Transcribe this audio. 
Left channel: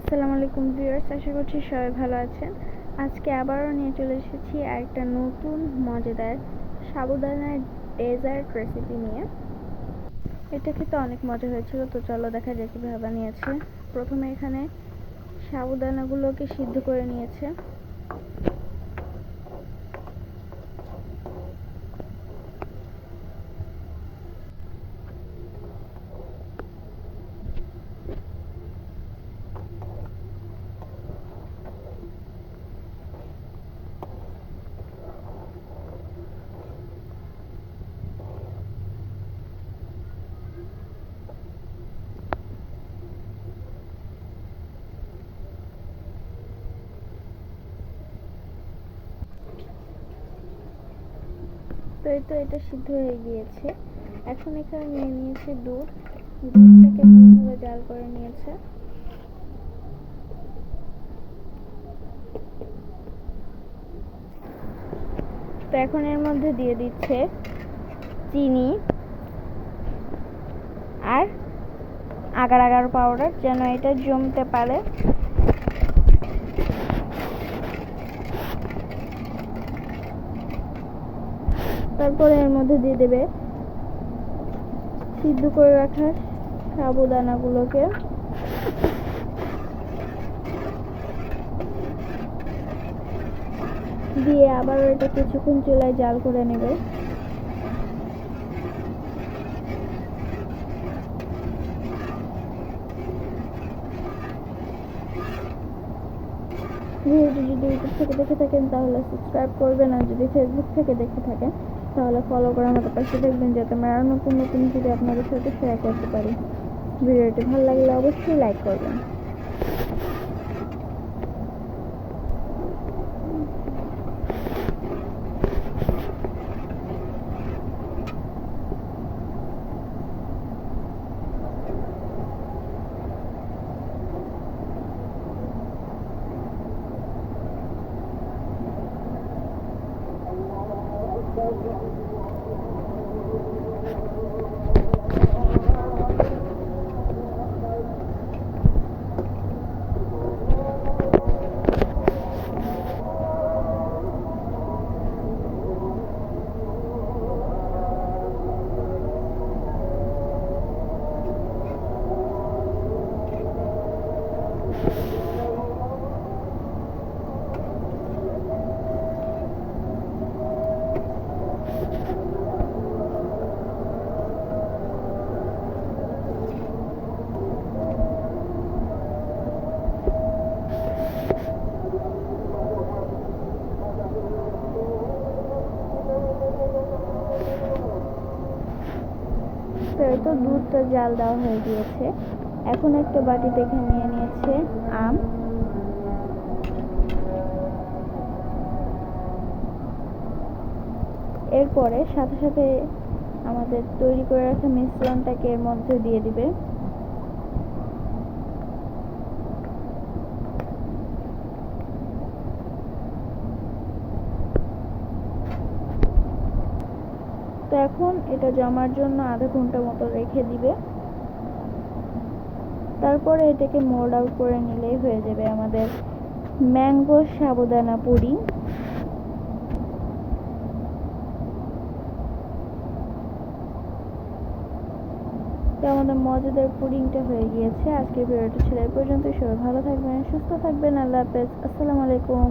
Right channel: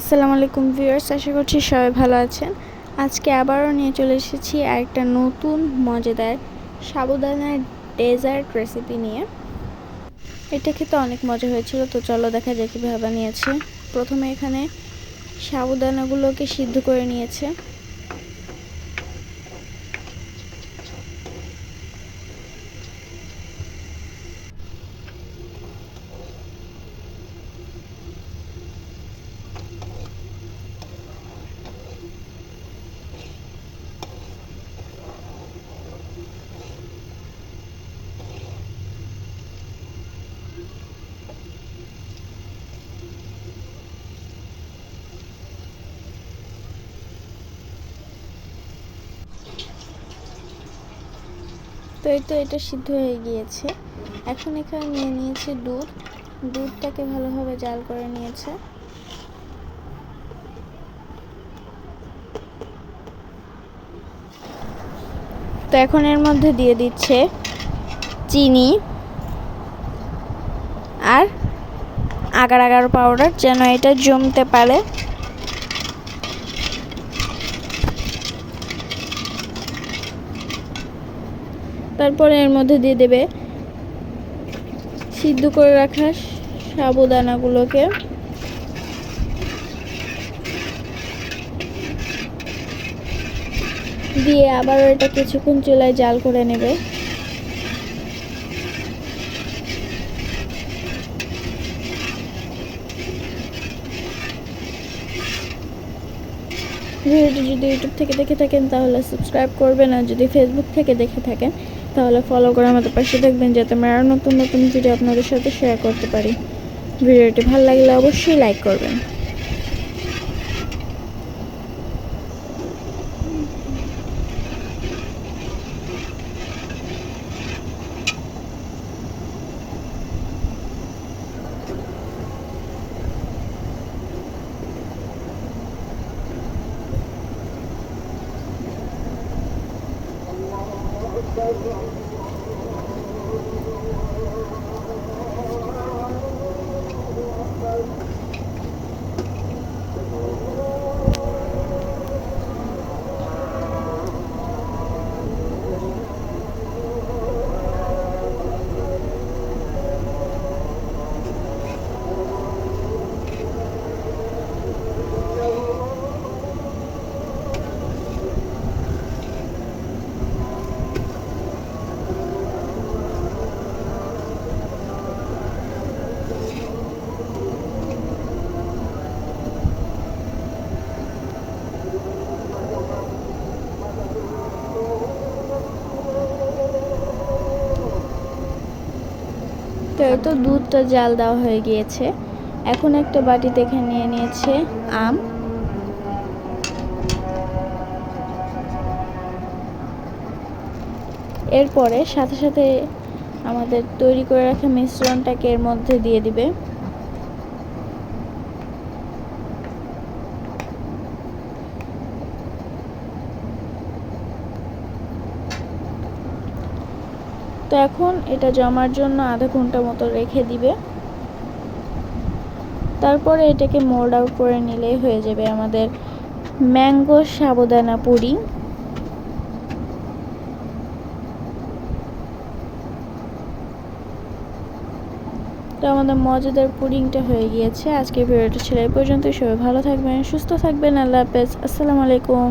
আসসালামু আলাইকুম ভিউয়ার্স, আশা করছি সবাই ভালো আছেন। আজকে আবারও নিয়ে চলে এসেছি আরেকটা নতুন মজাদার সাবুদানার ডেজার্ট রেসিপি নিয়ে। এটা খেতে অনেক মজা হয়েছিল, তো চলো দেখা যাক কীভাবে বানিয়েছে। প্রথমে এখানে সাবুদানাগুলোকে সিদ্ধ করে নিয়েছে। তো এই তো এটা সিদ্ধ হয়ে গিয়েছে। এখন এখানে নিয়ে নিয়েছে দুধটাকে ভালোভাবে জাল করে নিয়েছে। তো এখন এর মধ্যে দিয়ে দিচ্ছে চিনি আর আগার আগার পাউডার, যেন এটা জমতে পারে। তারপরে এর মধ্যে দিয়ে দেবে সিদ্ধ করে রাখা সাবুদানাগুলোকে। দিয়ে আবারও এটা কিছুক্ষণ চুলায় জাল করে নেবে। ভিডিওটি যদি ইউটিউব থেকে দেখে থাকেন তাহলে সাবস্ক্রাইব করবেন, আর যদি ফেসবুক থেকে দেখে থাকেন তাহলে ফলো করে আমাদের পাশে থাকবেন, যাতে আমরা আরও নতুন নতুন ভিডিও আপনাদের সাথে শেয়ার করতে পারি। ভিডিওটি ভালো লাগলে অবশ্যই লাইক করবেন। তো এই তো দুধটা জাল দেওয়া হয়ে গিয়েছে। এখন একটা বাটি দেখে নিয়ে নিয়েছে আম। এরপরে সাথে সাথে আমাদের তৈরি করে রাখা মিশ্রণটাকে এর মধ্যে দিয়ে দিবে। তো এখন এটা জমার জন্য আধা ঘন্টা মতো রেখে দিবে। তারপরে এটাকে মোল্ড আউট করে নিলেই হয়ে যাবে আমাদের ম্যাঙ্গো সাবুদানা পুডিং। তো আমাদের মজাদার পুডিংটা হয়ে গিয়েছে। আজকের ভিডিওটা ছিল এই পর্যন্ত। সবাই ভালো থাকবেন, সুস্থ থাকবেন। আল্লাহ হাফেজ, আসসালামু আলাইকুম।